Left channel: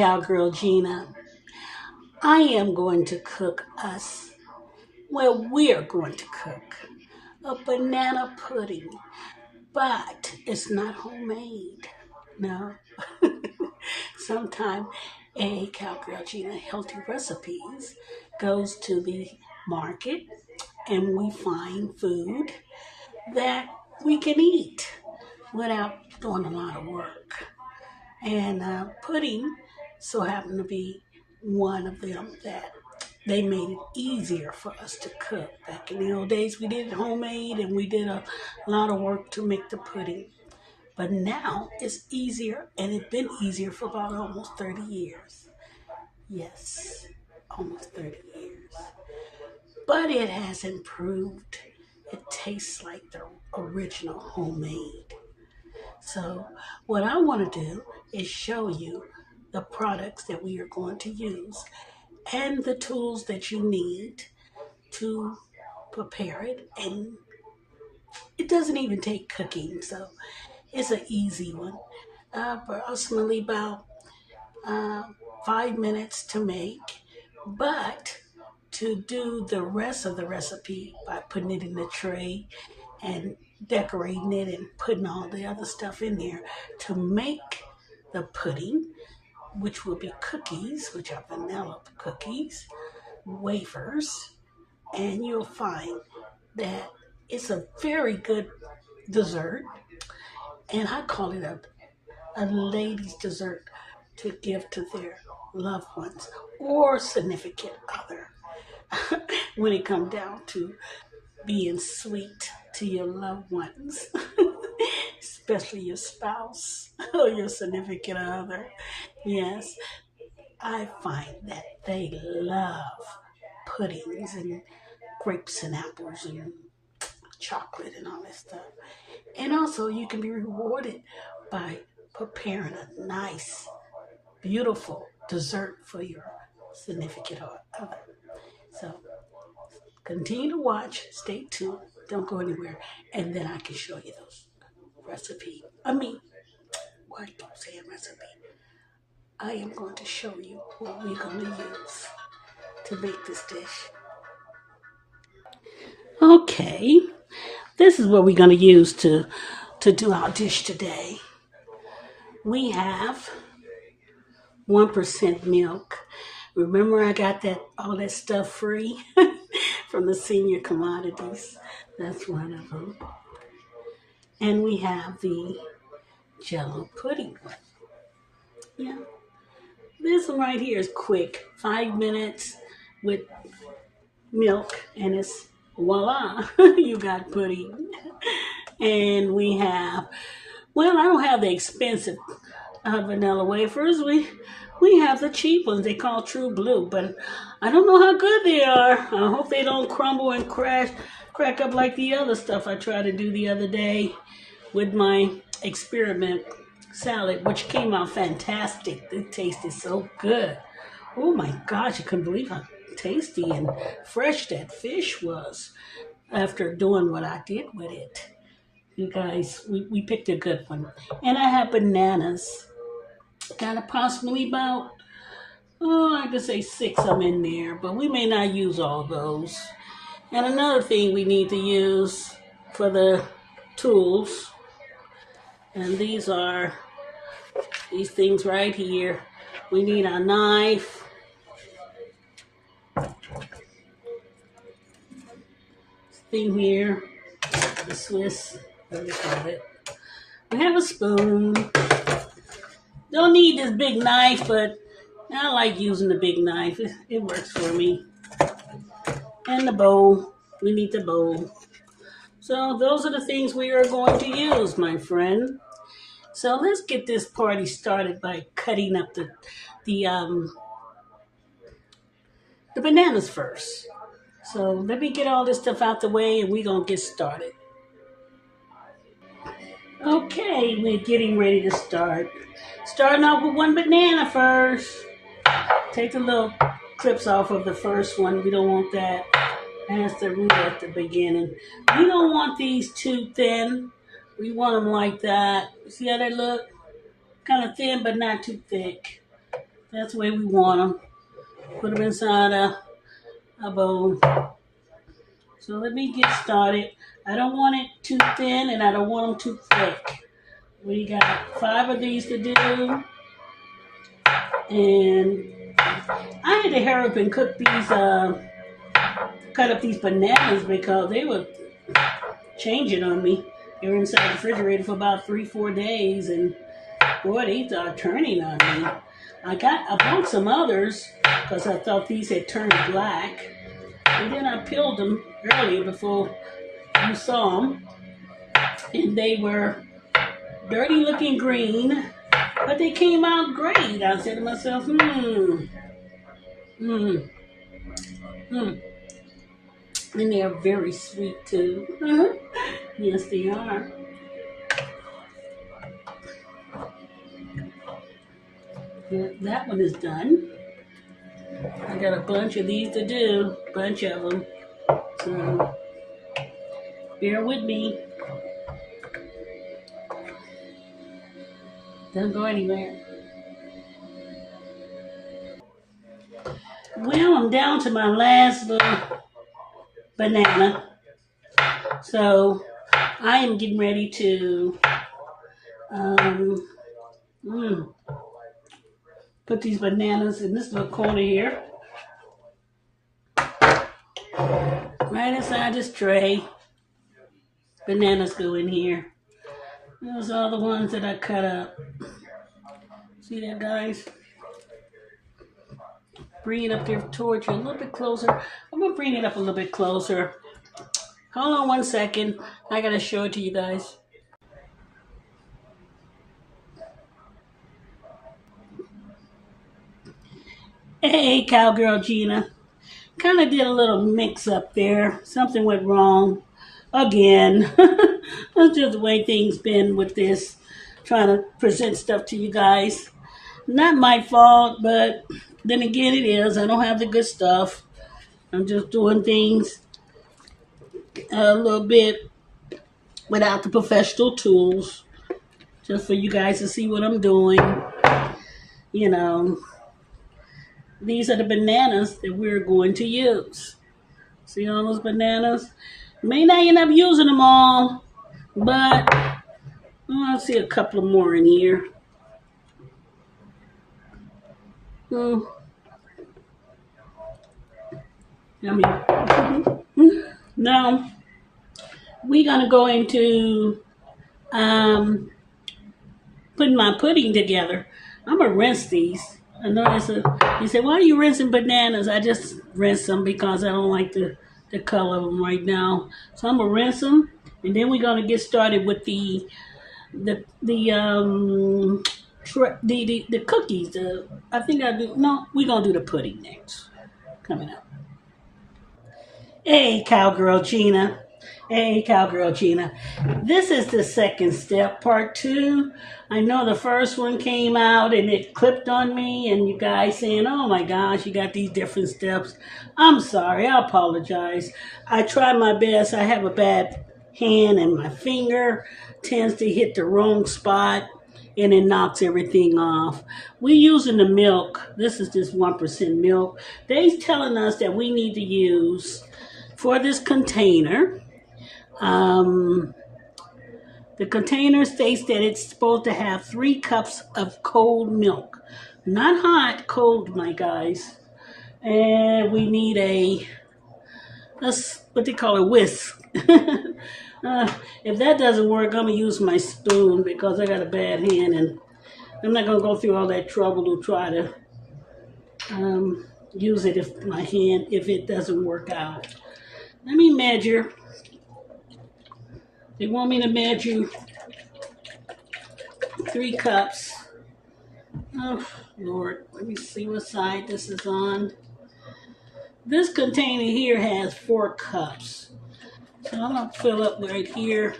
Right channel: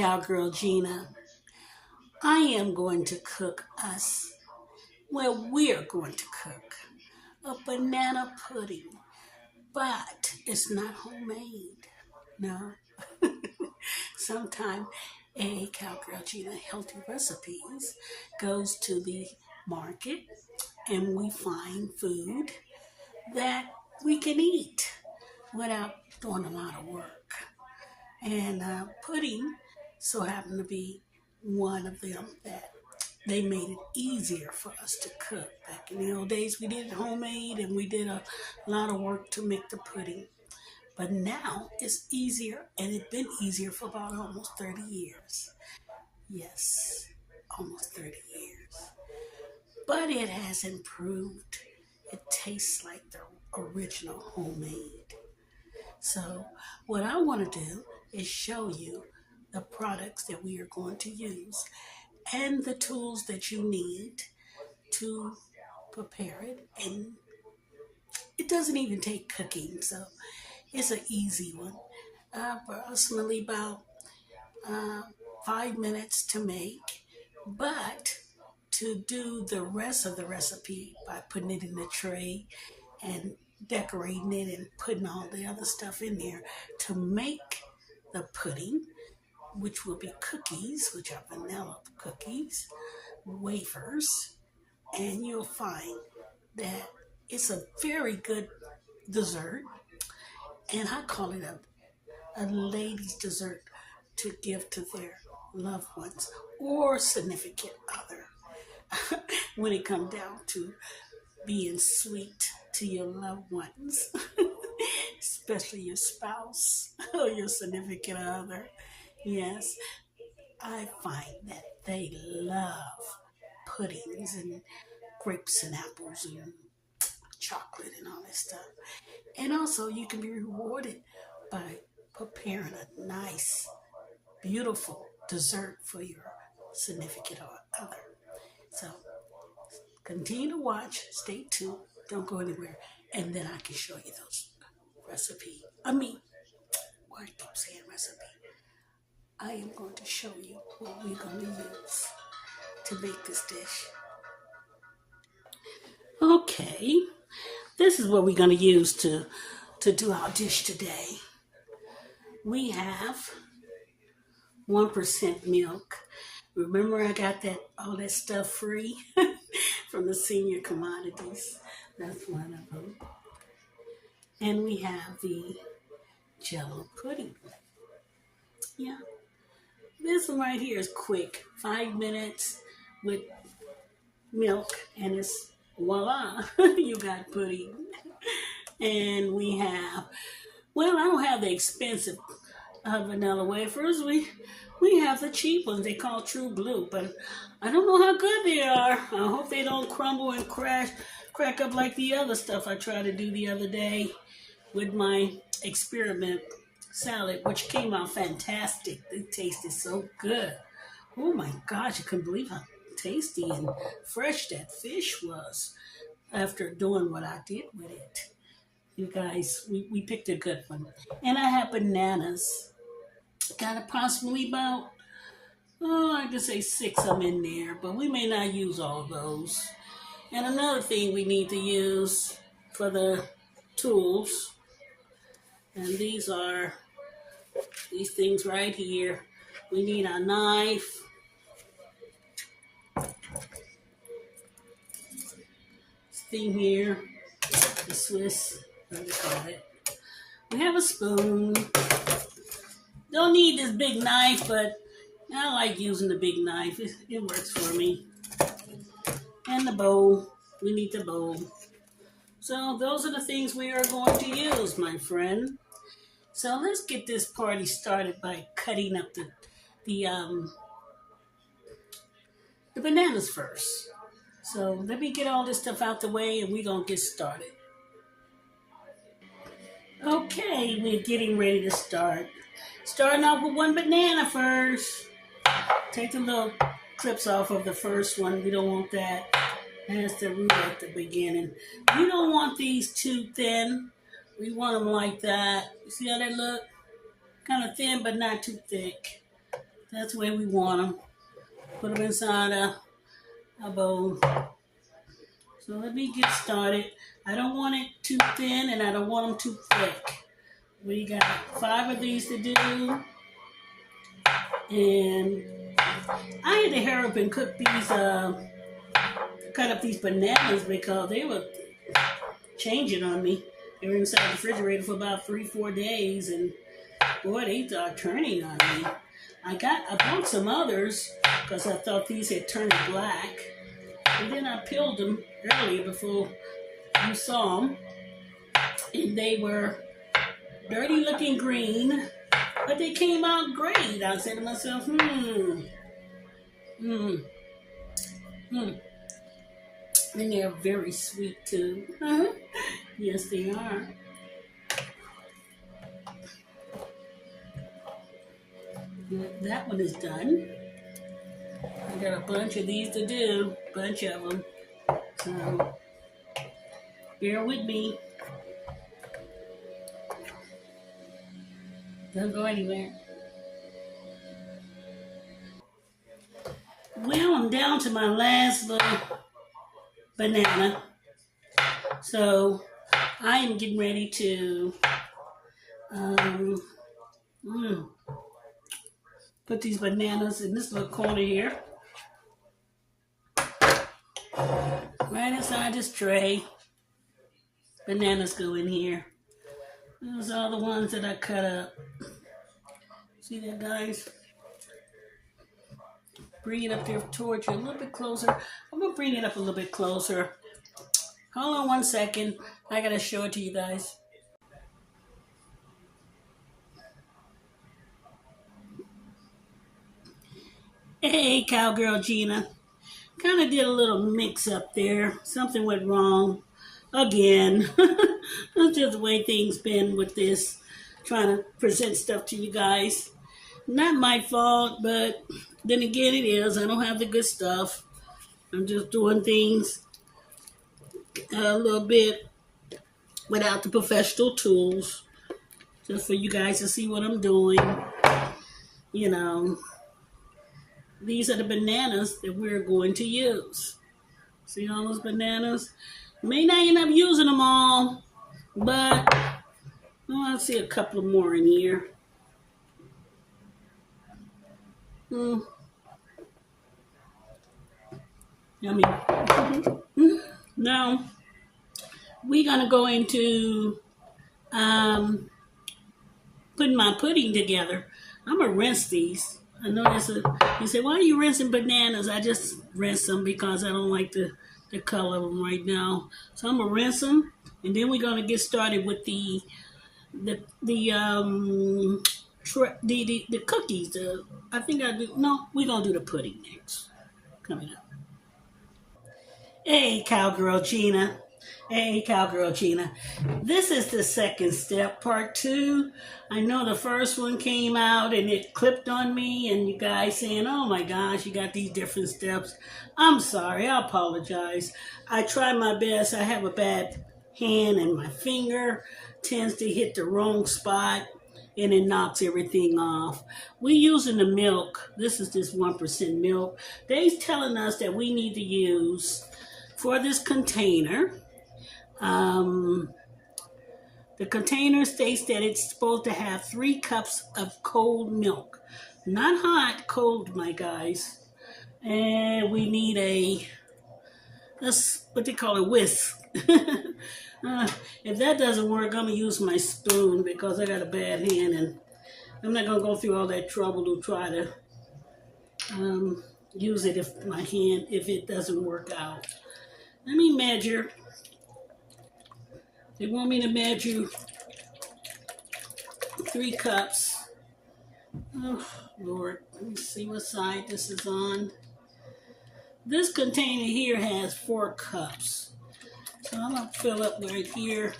Cowgirl Gina. I am going to cook us, well, we're going to cook a banana pudding, but it's not homemade. No. Sometime a Cowgirl Gina Healthy Recipes goes to the market and we find food that we can eat without doing a lot of work. And pudding so happened to be one of them that they made it easier for us to cook. Back in the old days, we did it homemade and we did a lot of work to make the pudding. But now it's easier, and it's been easier for about almost 30 years. Yes, almost 30 years. But it has improved. It tastes like the original homemade. So what I want to do is show you the products that we are going to use and the tools that you need to prepare it. And it doesn't even take cooking, so it's an easy one. Approximately about uh, 5 minutes to make, but to do the rest of the recipe by putting it in the tray and decorating it and putting all the other stuff in there to make the pudding, which will be cookies, which are vanilla cookies, wafers, and you'll find that it's a very good dessert, and I call it a lady's dessert to give to their loved ones or significant other when it comes down to being sweet to your loved ones, especially your spouse or your significant other. Yes, I find that they love puddings and grapes and apples and chocolate and all that stuff. And also, you can be rewarded by preparing a nice, beautiful dessert for your significant other. So, continue to watch, stay tuned, don't go anywhere, and then I can show you those recipe. Why I keep saying recipe? I am going to show you what we're going to use to make this dish. Okay, this is what we're going to use to do our dish today. We have 1% milk. Remember, I got all that stuff free from the senior commodities. That's one of them. And we have the Jello pudding. Yeah, this one right here is quick. 5 minutes with milk, and it's voila, you got pudding. And we have, well, I don't have the expensive vanilla wafers. We have the cheap ones. They call True Blue, but I don't know how good they are. I hope they don't crumble and crack up like the other stuff I tried to do the other day with my experiment salad, which came out fantastic. It tasted so good. Oh my gosh, I couldn't believe how tasty and fresh that fish was after doing what I did with it. You guys, we picked a good one. And I have bananas. Got approximately about, I could say 6 of them in there, but we may not use all those. And another thing we need to use for the tools, and these are these things right here. We need a knife, this thing here, the Swiss, what do you call it? We have a spoon. Don't need this big knife, but I like using the big knife. It works for me. And the bowl. We need the bowl. So those are the things we are going to use, my friend. So let's get this party started by cutting up the bananas first. So let me get all this stuff out the way and we're going to get started. Okay, we're getting ready to start. Starting off with one banana first. Take the little clips off of the first one. We don't want that. That's the root at the beginning. We don't want these too thin. We want them like that. See how they look? Kind of thin, but not too thick. That's the way we want them. Put them inside a bowl. So let me get started. I don't want it too thin and I don't want them too thick. We got 5 of these to do. And I had to hurry up and cook these, cut up these bananas because they were changing on me. They were inside the refrigerator for about 3-4 days, and boy, they started turning on me. I bought some others because I thought these had turned black, and then I peeled them earlier before you saw them, and they were dirty looking green, but they came out great. I said to myself, and they are very sweet too. Yes, they are. Yeah, that one is done. I got a bunch of these to do, bunch of them. So bear with me. Don't go anywhere. Well, I'm down to my last little banana. So I am getting ready to put these bananas in this little corner here. Right inside this tray. Bananas go in here. Those are the ones that I cut up. See that, guys? Bring it up there towards you a little bit closer. I'm going to bring it up a little bit closer. Hold on 1 second. I got to show it to you guys. Hey, Cowgirl Gina. Kind of did a little mix up there. Something went wrong. Again. That's just the way things been with this. Trying to present stuff to you guys. Not my fault, but then again it is. I don't have the good stuff. I'm just doing things a little bit without the professional tools. Just for you guys to see what I'm doing. You know. These are the bananas that we're going to use. See all those bananas? May not end up using them all, but I see a couple more in here. Yummy. Now, we're going to go into putting my pudding together. I'm going to rinse these. I know you say, why are you rinsing bananas? I just rinse them because I don't like the color of them right now. So I'm going to rinse them, and then we're going to get started with the cookies. I think we're going to do the pudding next. Coming up. Hey, Cowgirl Gina. Hey, Cowgirl Gina. This is the second step, part 2. I know the first one came out and it clipped on me, and you guys saying, oh my gosh, you got these different steps. I'm sorry. I apologize. I try my best. I have a bad hand, and my finger tends to hit the wrong spot, and it knocks everything off. We're using the milk. This is just 1% milk. They're telling us that we need to use, for this container, the container states that it's supposed to have 3 cups of cold milk. Not hot, cold, my guys. And we need that's what they call a whisk. If that doesn't work, I'm going to use my spoon because I got a bad hand, and I'm not going to go through all that trouble to try to use it if it doesn't work out. Let me measure. They want me to measure 3 cups. Oh, Lord. Let me see what side this is on. This container here has 4 cups. So I'm going to fill up right here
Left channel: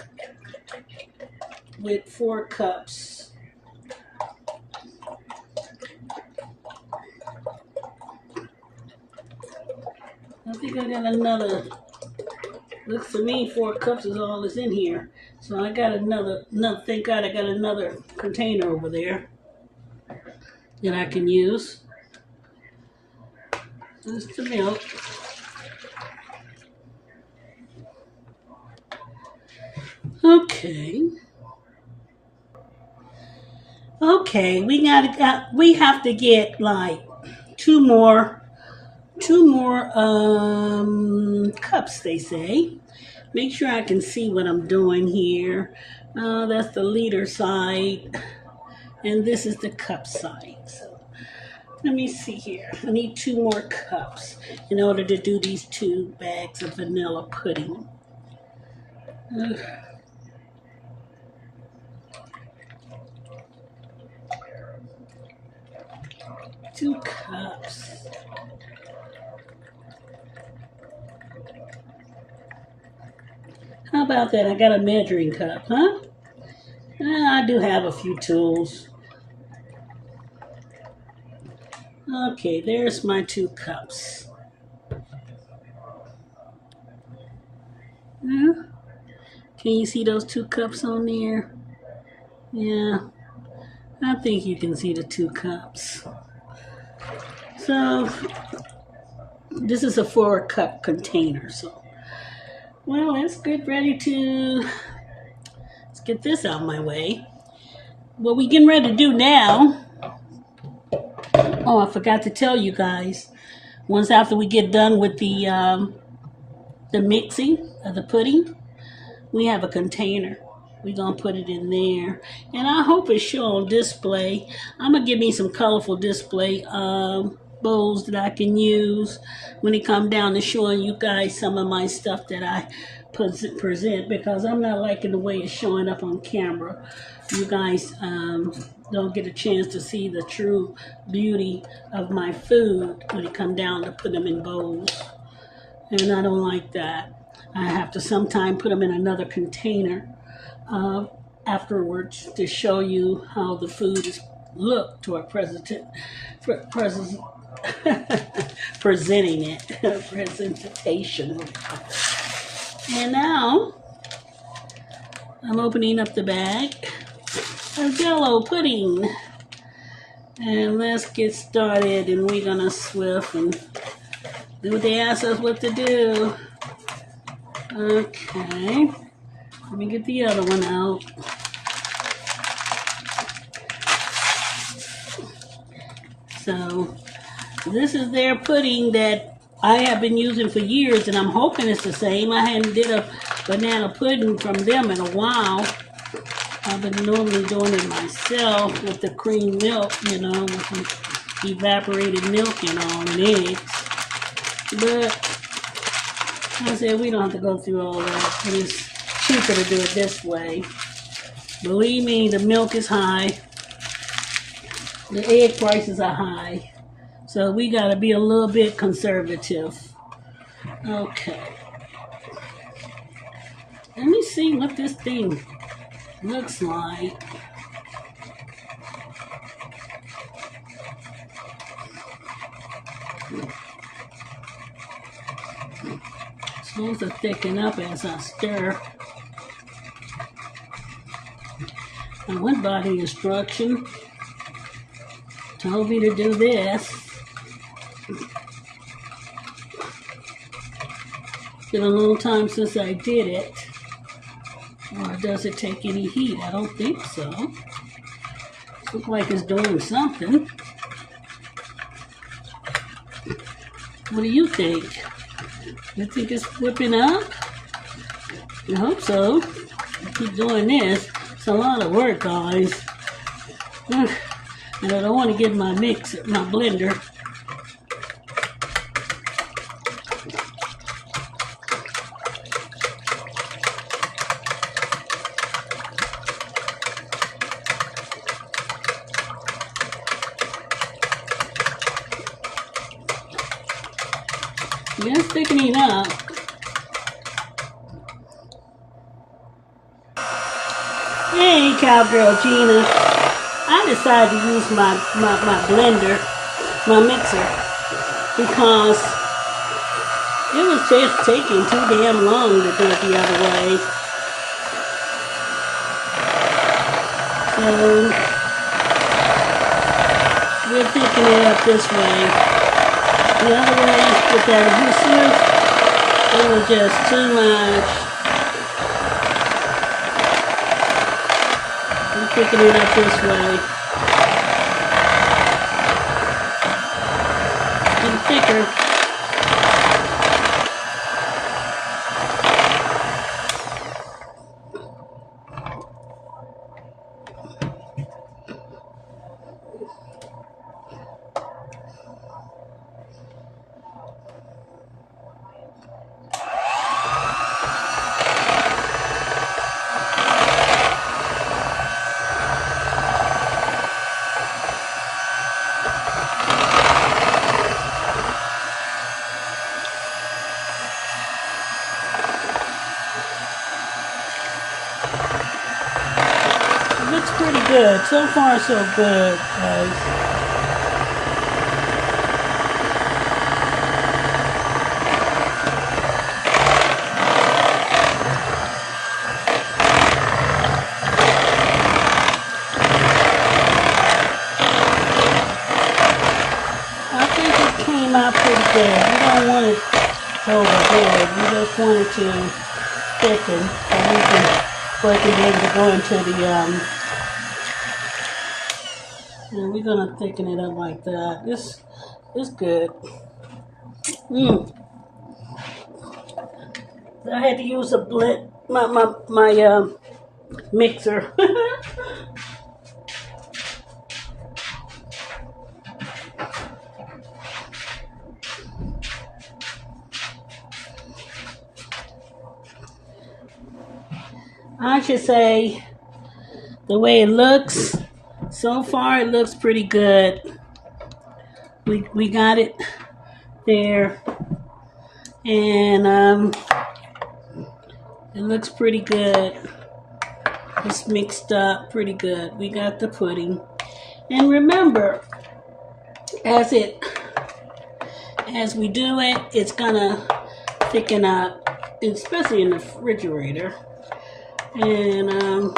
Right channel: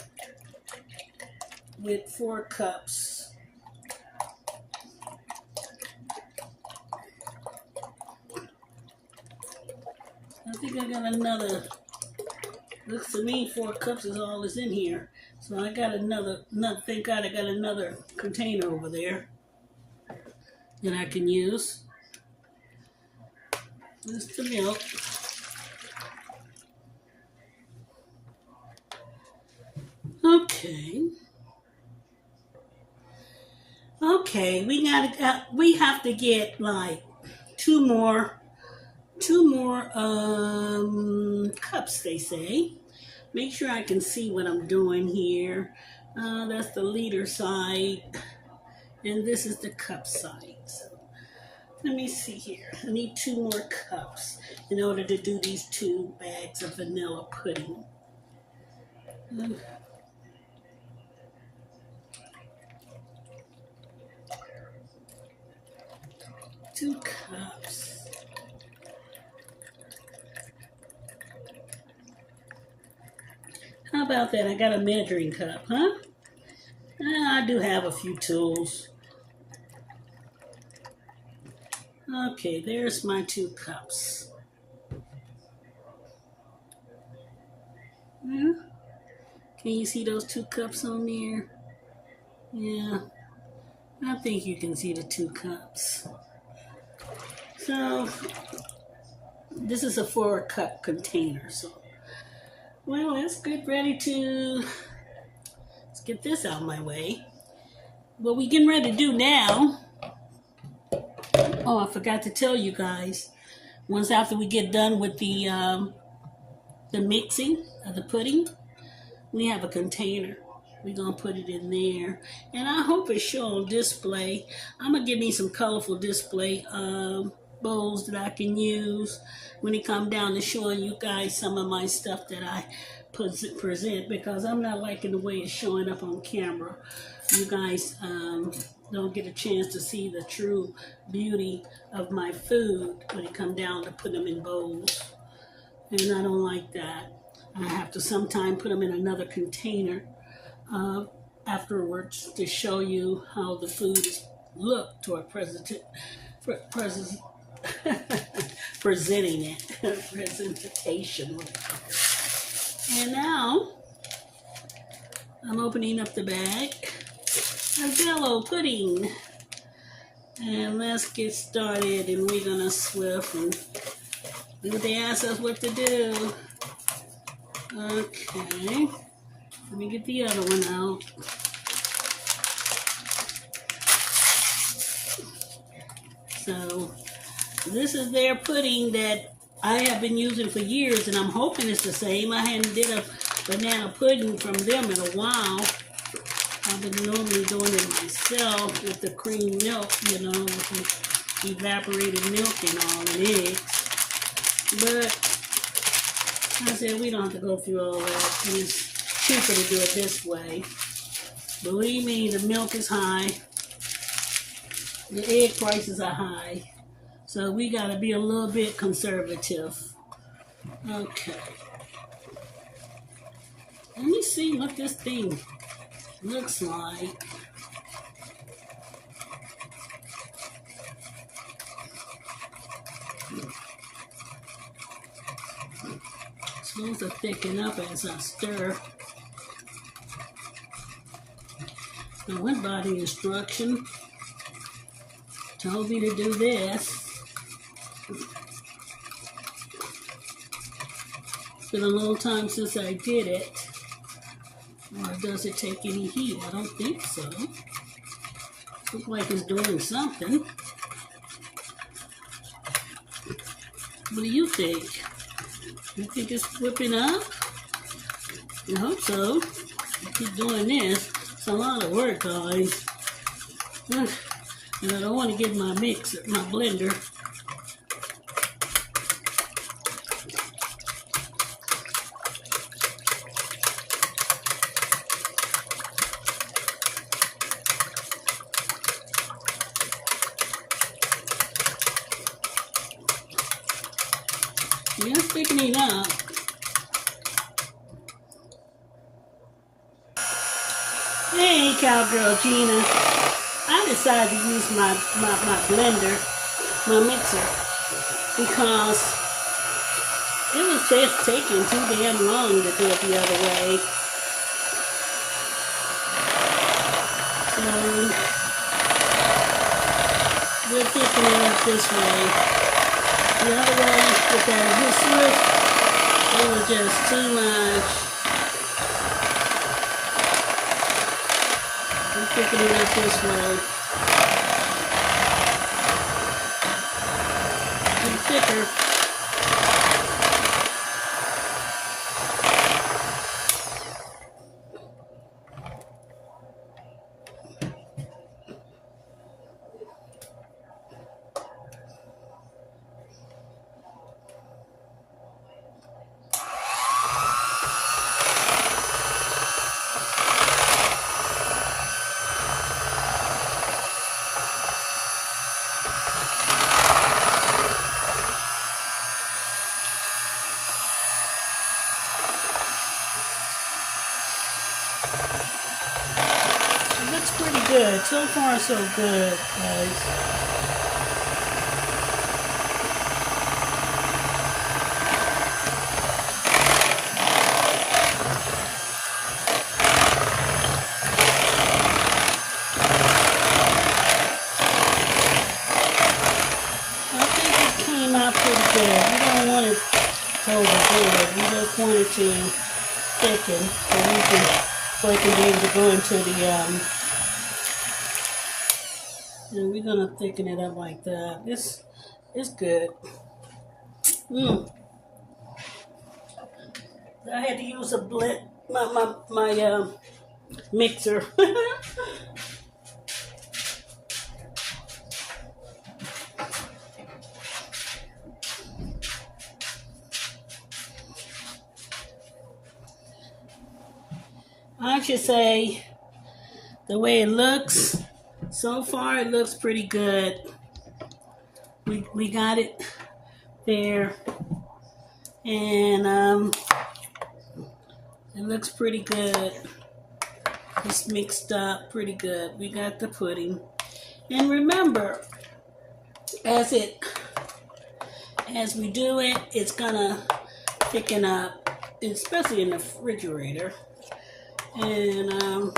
with 4 cups. I think I got another. Looks to me 4 cups is all that's in here. So I got another, thank God I got another container over there. that I can use. There's the milk. Okay. Okay, we have to get like two more cups, they say. Make sure I can see what I'm doing here. That's the liter side, and this is the cup side. So let me see here. I need two more cups in order to do these 2 bags of vanilla pudding. Uh, 2 cups. How about that? I got a measuring cup, huh? I do have a few tools. Okay, there's my 2 cups. Can you see those 2 cups on there? Yeah, I think you can see the 2 cups. So, this is a 4-cup container. So, well, let's get ready to, let's get this out of my way. What we getting ready to do now, oh, I forgot to tell you guys, once after we get done with the mixing of the pudding, we have a container. We're going to put it in there. And I hope it's shown on display. I'm going to give me some colorful display bowls that I can use when it comes down to showing you guys some of my stuff that I present, because I'm not liking the way it's showing up on camera. You guys don't get a chance to see the true beauty of my food when it comes down to put them in bowls. And I don't like that. I have to sometime put them in another container afterwards to show you how the food is looked toward presenting it, presentation. And now I'm opening up the bag of Jello pudding, and let's get started. And we're gonna swift and do what they ask us what to do. Okay, let me get the other one out. So this is their pudding that I have been using for years, and I'm hoping it's the same. I hadn't did a banana pudding from them in a while. I've been normally doing it myself with the cream milk, you know, with the evaporated milk and all, and eggs. But I said we don't have to go through all that. And it's cheaper to do it this way. Believe me, the milk is high. The egg prices are high. So we got to be a little bit conservative. Okay. Let me see what this thing looks like. It's supposed to thicken up as I stir. I went by the instruction. Told me to do this. It's been a long time since I did it. Or does it take any heat? I don't think so. Looks like it's doing something. What do you think? You think it's whipping up? I hope so. Keep doing this. It's a lot of work, guys. And I don't want to get my blender. Yeah, it's thickening up. Hey, Cowgirl Gina. I decided to use my blender, my mixer, because it was just taking too damn long to do it the other way. So we're thicken it up this way. The other way with that hoof, it was just too much. We thicken it up this way. Getting thicker. Looks pretty good. So far, so good, guys. I think it came out pretty good. We don't want it overboard. We just want it to thicken, and we can work and be able to go into the and we're gonna thicken it up like that. This is good. I had to use a blend, my mixer. I should say the way it looks. So far, it looks pretty good. We got it there, and it looks pretty good. It's mixed up pretty good. We got the pudding, and remember, as we do it, it's gonna thicken up, especially in the refrigerator, and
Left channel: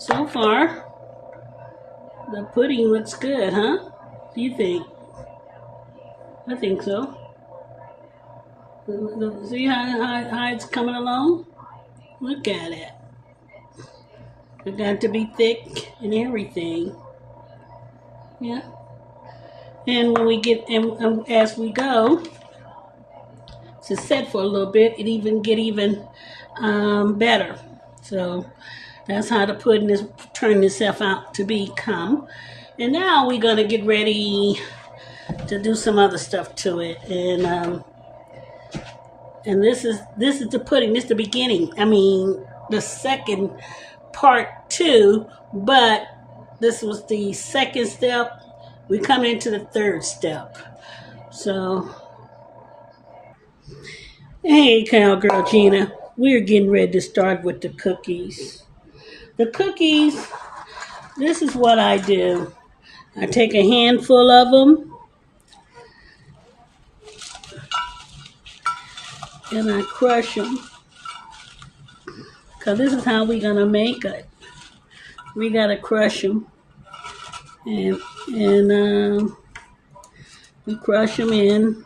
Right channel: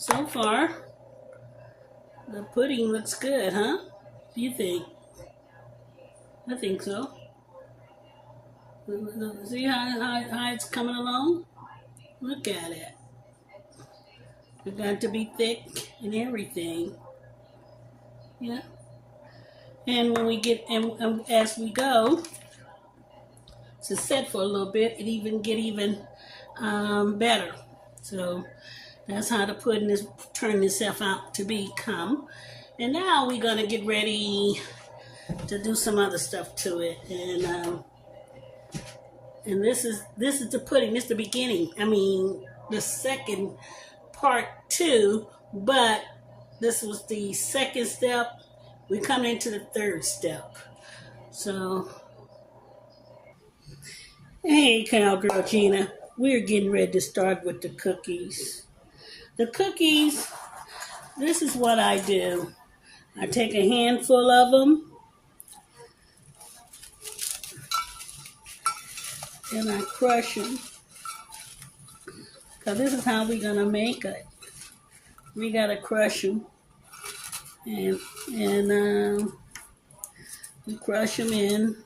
so far, the pudding looks good, huh? Do you think? I think so. See how it's coming along? Look at it. It got to be thick and everything. Yeah. And when we get, and as we go, to set for a little bit, it even get better. So that's how the pudding is turning itself out to become. And now we're gonna get ready to do some other stuff to it. And this is the pudding. This is the beginning. I mean, the second part too. But this was the second step. We come into the third step. So, hey, Cowgirl Gina, we're getting ready to start with the cookies. The cookies, this is what I do. I take a handful of them and I crush them. Because this is how we're going to make it. We got to crush them. And we crush them in.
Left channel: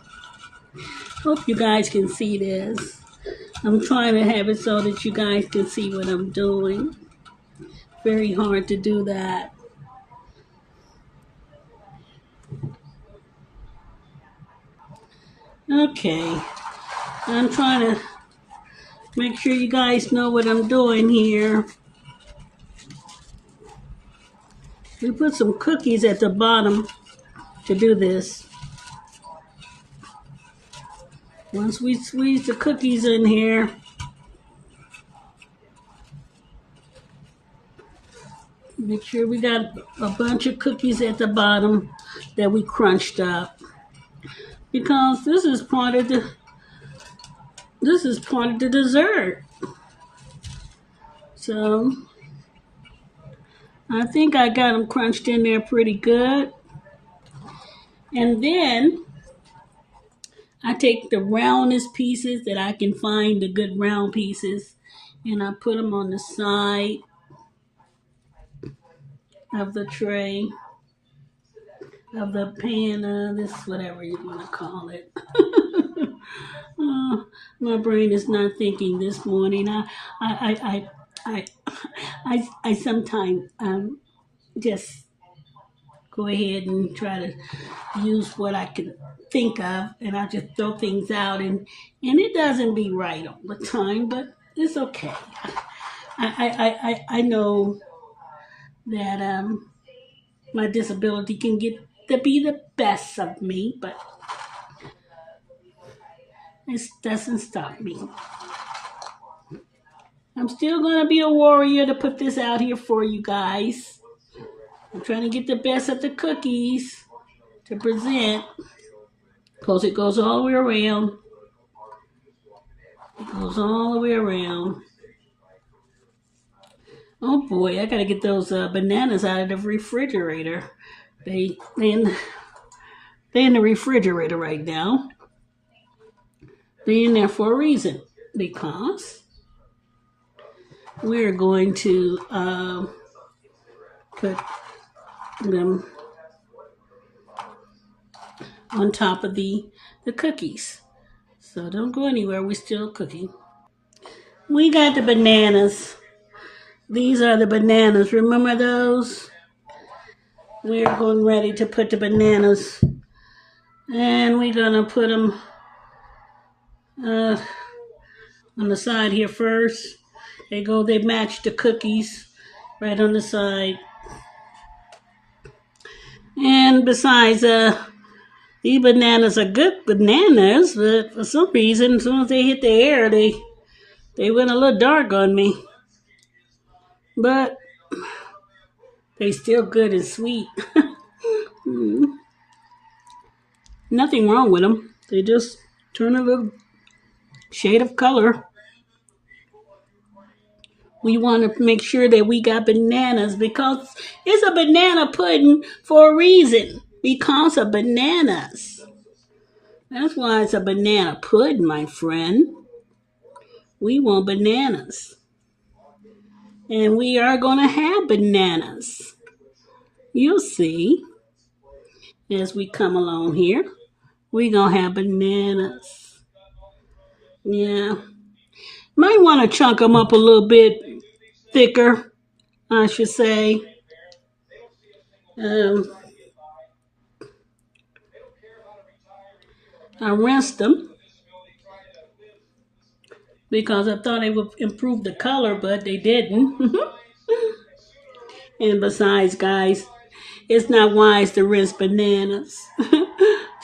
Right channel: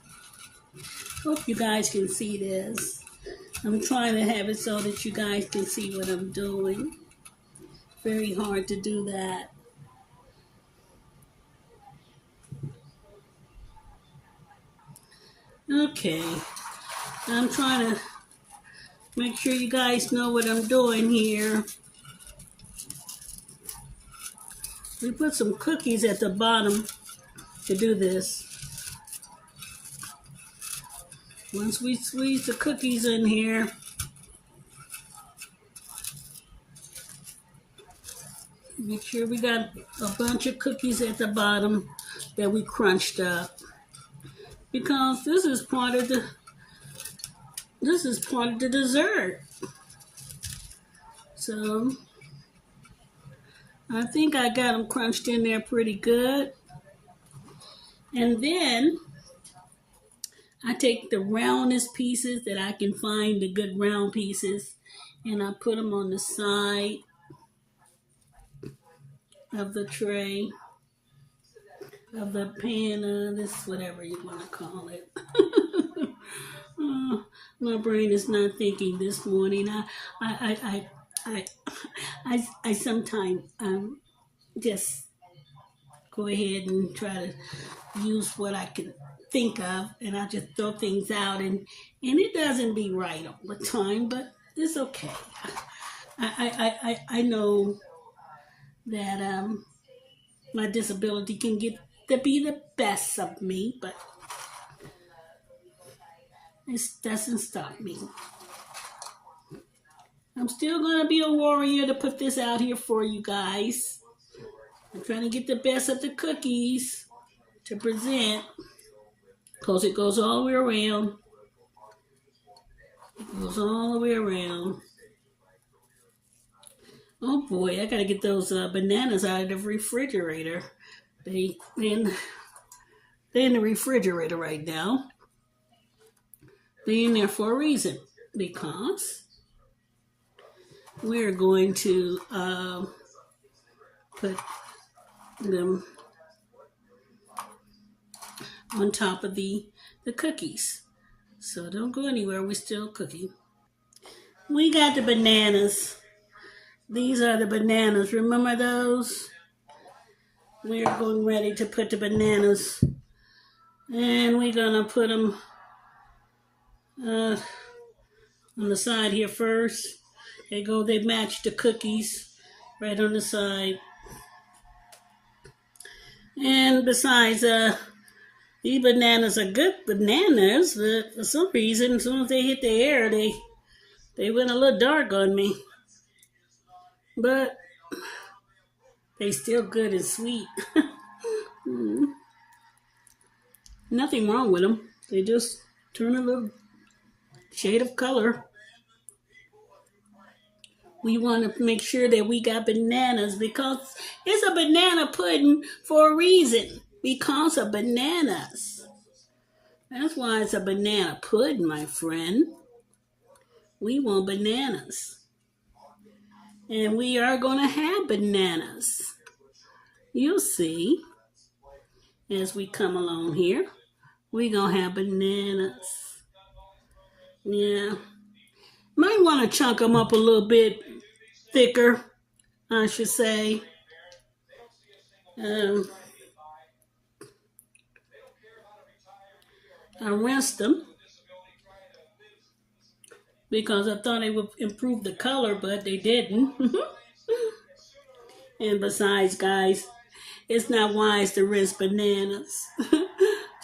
Hope you guys can see this. I'm trying to have it so that you guys can see what I'm doing. Very hard to do that. Okay. I'm trying to make sure you guys know what I'm doing here. We put some cookies at the bottom to do this. Once we squeeze the cookies in here, make sure we got a bunch of cookies at the bottom that we crunched up. Because this is part of the dessert. So I think I got them crunched in there pretty good. And then I take the roundest pieces that I can find, the good round pieces, and I put them on the side. of the tray, of the pan, this whatever you want to call it. My brain is not thinking this morning. I, I sometimes just go ahead and try to use what I can think of, and I just throw things out, and it doesn't be right all the time, but it's okay. I know that my disability can get to be the best of me, but it doesn't stop me. I'm still gonna be a warrior to put this out here for you guys. I'm trying to get the best of the cookies to present, because it goes all the way around. It goes all the way around. Oh boy, I gotta get those bananas out of the refrigerator. They in the refrigerator right now. They're in there for a reason, because we're going to put them on top of the cookies. So don't go anywhere, we're still cooking. We got the bananas. These are the bananas. Remember those? We're going ready to put the bananas, and we're gonna put them on the side here first. They match the cookies right on the side. And besides, these bananas are good bananas, but for some reason, as soon as they hit the air, they went a little dark on me. But they still good and sweet. Nothing wrong with them. They just turn a little shade of color. We want to make sure that we got bananas, because it's a banana pudding for a reason. Because of bananas. That's why it's a banana pudding, my friend. We want bananas. And we are going to have bananas. You'll see as we come along here. We're going to have bananas. Yeah. Might want to chunk them up a little bit thicker, I should say. I rinsed them because I thought they would improve the color, but they didn't. And besides, guys, it's not wise to rinse bananas.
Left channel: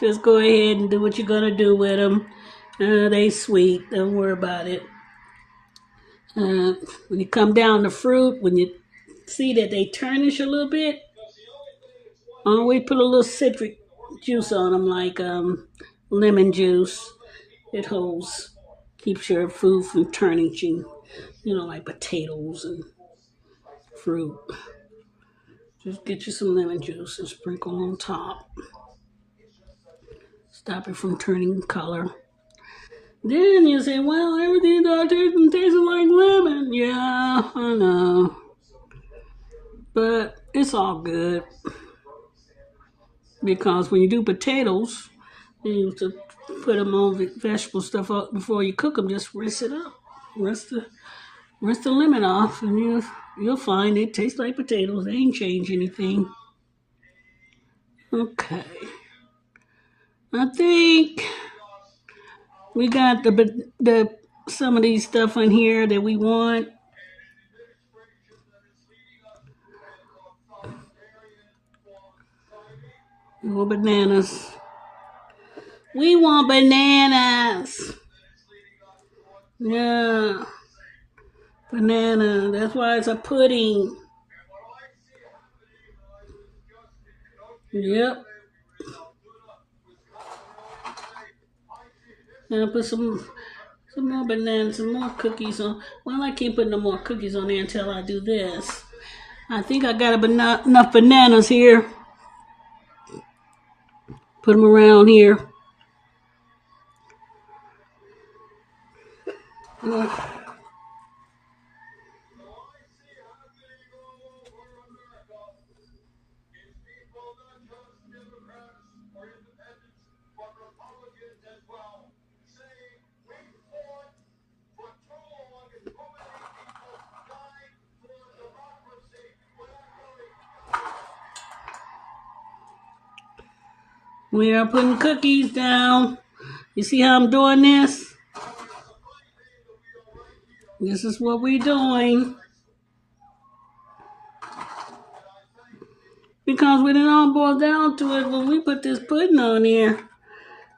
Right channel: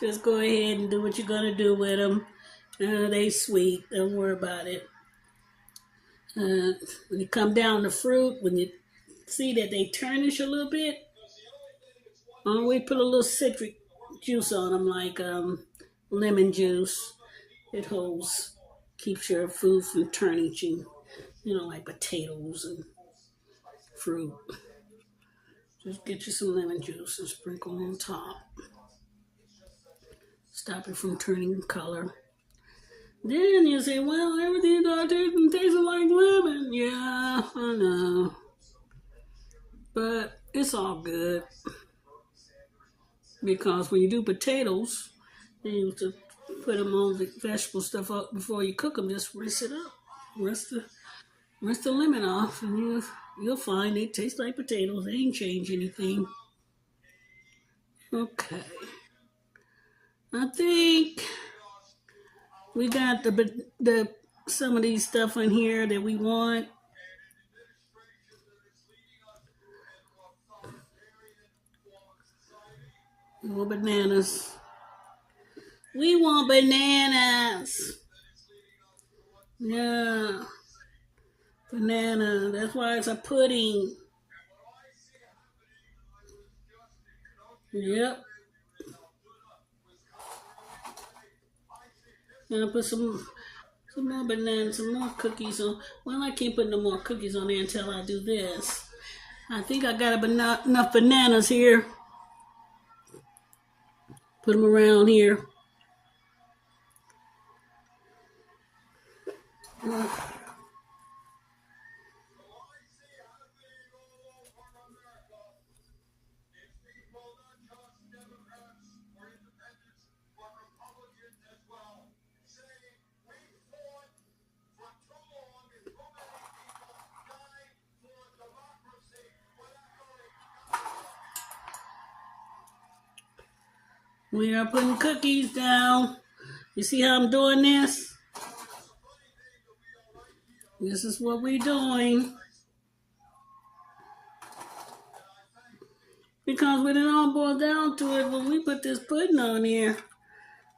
Just go ahead and do what you're going to do with them. They sweet. Don't worry about it. When you come down the fruit, when you see that they tarnish a little bit, always put a little citric juice on them, like lemon juice. It keeps your food from tarnishing, like potatoes and fruit. Just get you some lemon juice and sprinkle on top. Stop it from turning color. Then you say, well, everything tastes like lemon. Yeah, I know. But it's all good. Because when you do potatoes, you used to put them on vegetable stuff up before you cook them. Just rinse it up. Rinse the lemon off, and you'll find it tastes like potatoes. They ain't changed anything. Okay. I think we got the some of these stuff in here that we want. More bananas. We want bananas. Yeah. Banana. That's why it's a pudding. Yep. Now put some more bananas, some more cookies on. Well, I can't put no more cookies on there until I do this. I think I got enough bananas here. Put them around here. We are putting cookies down. You see how I'm doing this? This is what we're doing. Because when it all boils down to it, when we put this pudding on here,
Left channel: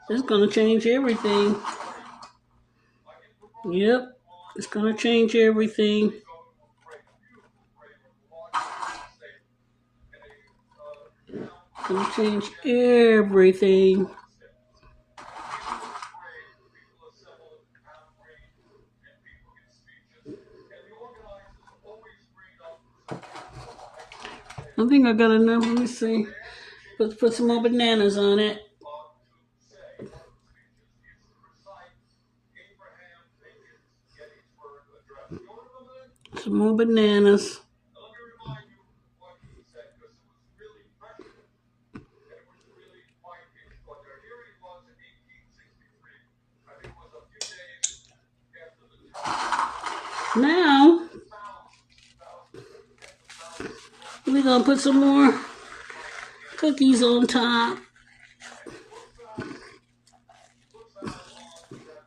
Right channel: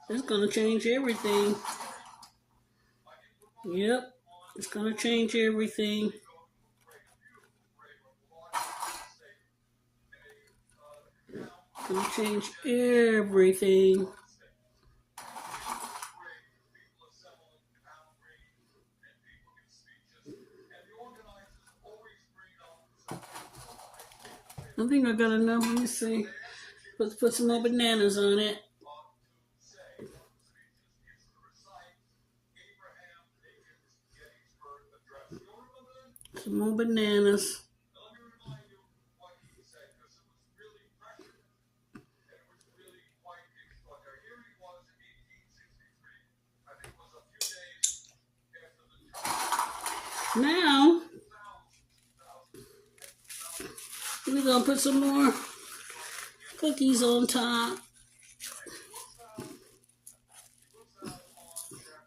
it's going to change everything. Yep, it's going to change everything. It's going to change everything. I think I got enough. Let me see. Put some more bananas on it. Some more bananas. Now, we're going to put some more cookies on top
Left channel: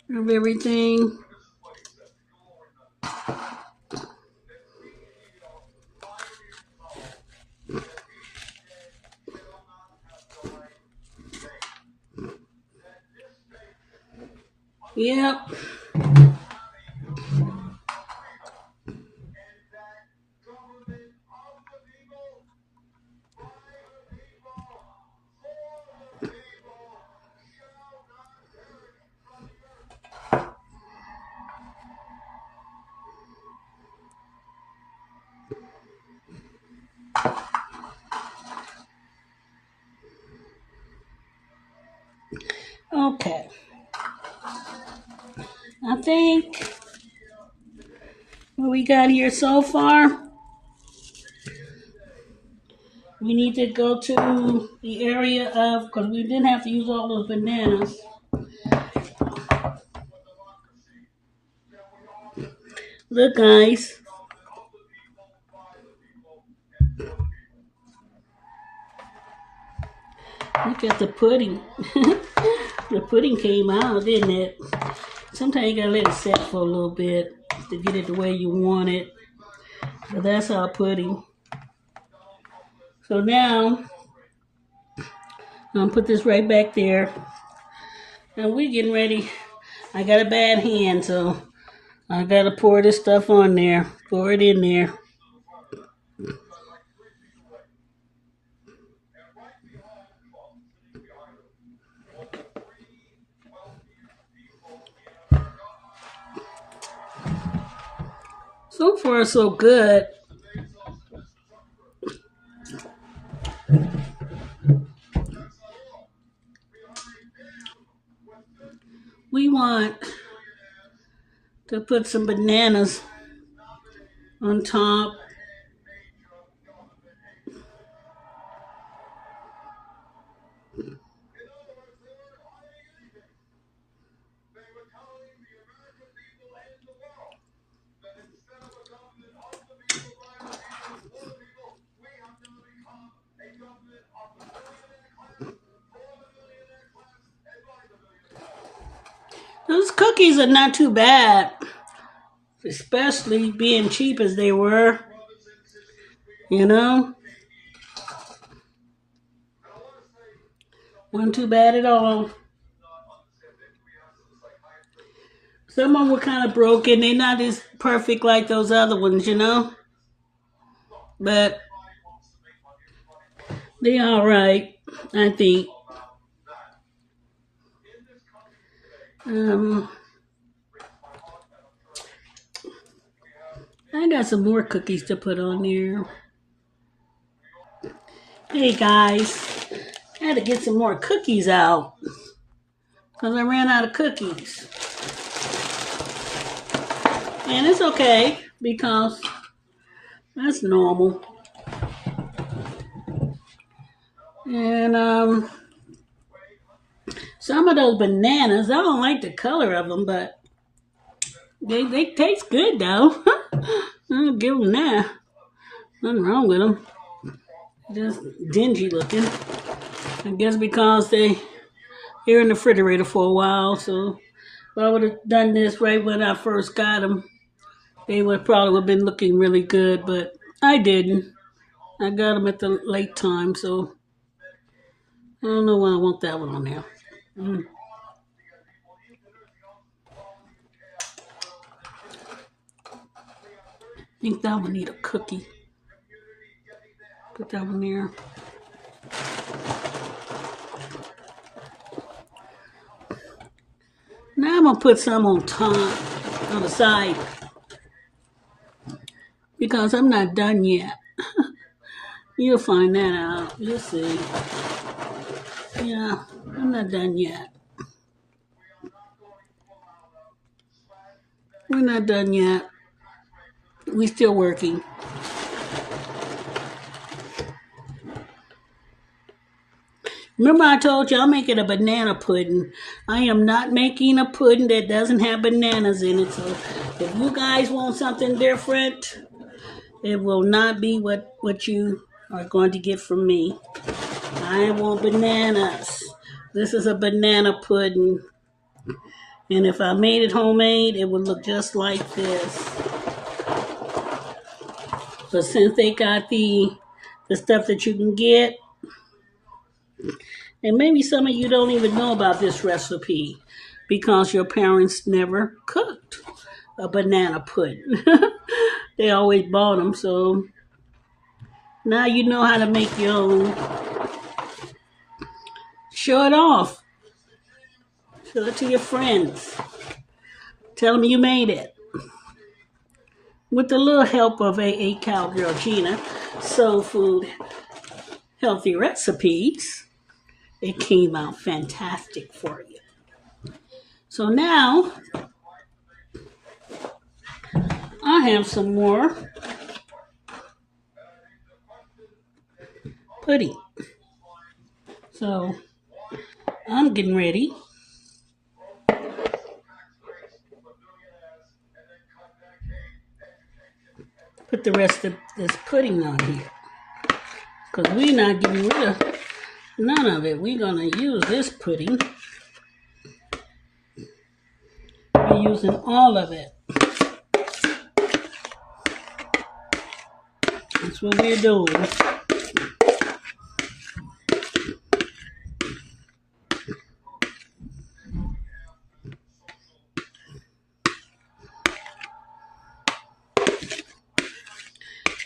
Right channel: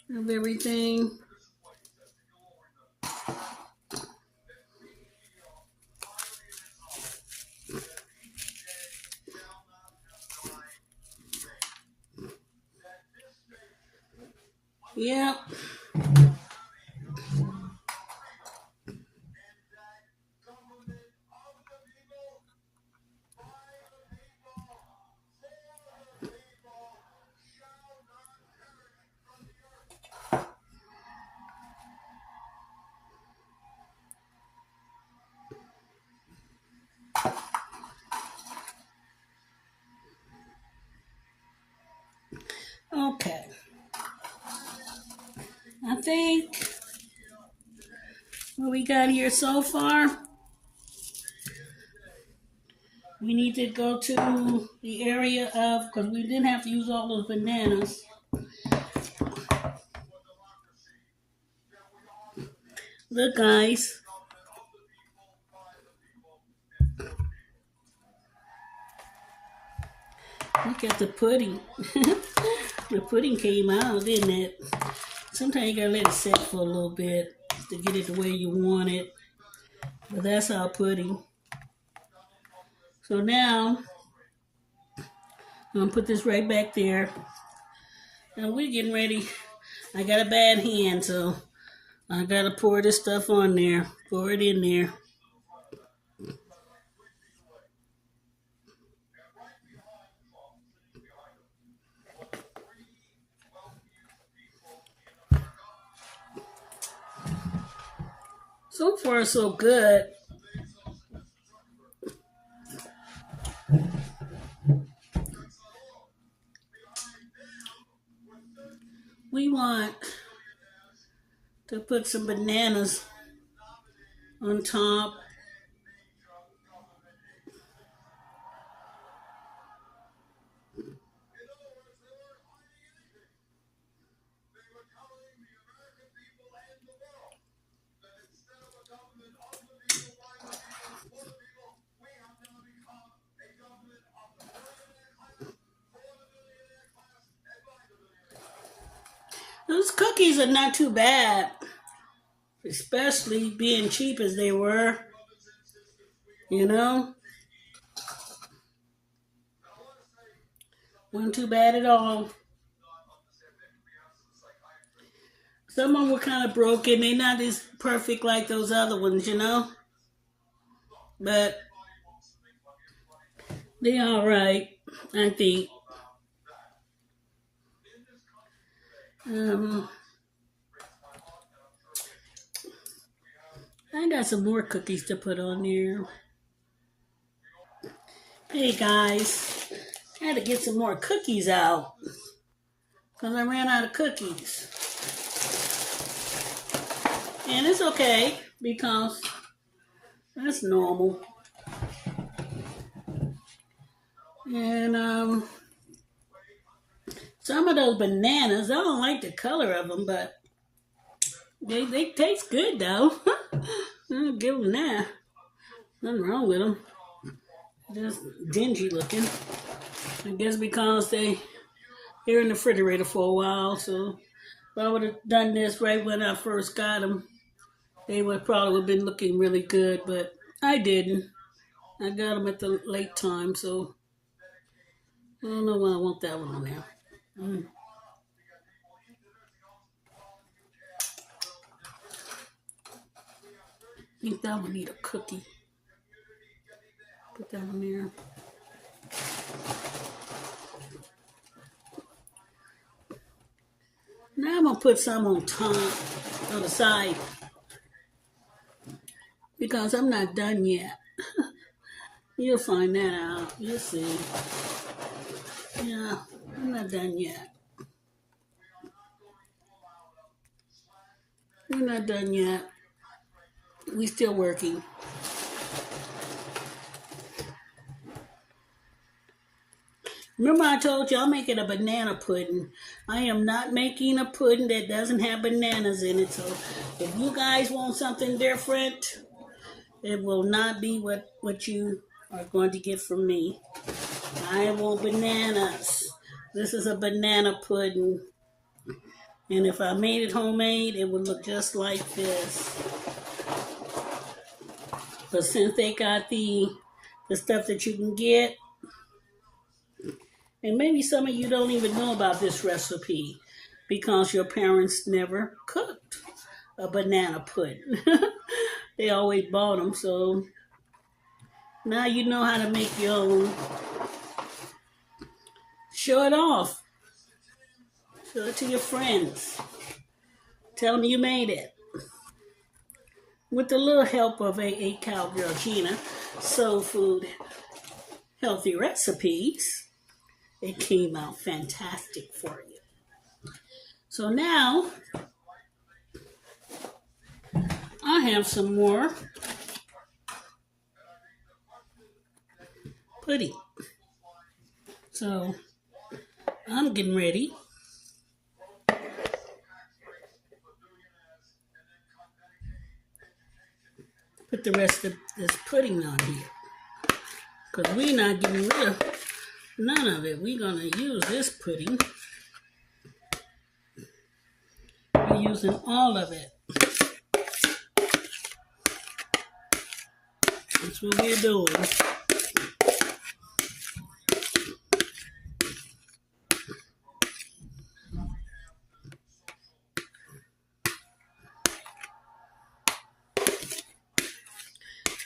of everything. Yep. Okay. I think what we got here so far, we need to go to the area of, because we didn't have to use all those bananas. Look, guys. Look at the pudding. The pudding came out, didn't it? Sometimes you gotta let it set for a little bit to get it the way you want it. But that's our pudding. So now, I'm gonna put this right back there. And we're getting ready. I got a bad hand, so I gotta pour this stuff on there. Pour it in there. So far, so good. We want to put some bananas on top. Those cookies are not too bad, especially being cheap as they were. You know? Wasn't too bad at all. Some of them were kind of broken. They're not as perfect like those other ones, you know? But they're all right, I think. I got some more cookies to put on there. Hey guys, I had to get some more cookies out because I ran out of cookies. And it's okay because that's normal. And some of those bananas, I don't like the color of them, but they taste good though. I'll give them that. Nothing wrong with them. Just dingy looking. I guess because they're in the refrigerator for a while, so if I would have done this right when I first got them, they would probably have been looking really good, but I didn't. I got them at the late time, so I don't know why I want that one on there. I think that one need a cookie. Put that one there. Now I'm going to put some on top, on the side, because I'm not done yet. You'll find that out. You'll see. Yeah, I'm not done yet. We're not done yet. We're still working. Remember I told you I'm making a banana pudding. I am not making a pudding that doesn't have bananas in it. So if you guys want something different, it will not be what you are going to get from me. I want bananas. This is a banana pudding. And if I made it homemade, it would look just like this. But since they got the stuff that you can get, and maybe some of you don't even know about this recipe because your parents never cooked a banana pudding. They always bought them, so now you know how to make your own. Show it off. Show it to your friends. Tell them you made it. With the little help of a Cowgirl, Gina, Soul Food Healthy Recipes, it came out fantastic for you. So now, I have some more pudding. So, I'm getting ready. Put the rest of this pudding on here. Because we're not getting rid of none of it. We're going to use this pudding. We're using all of it. That's what we're doing.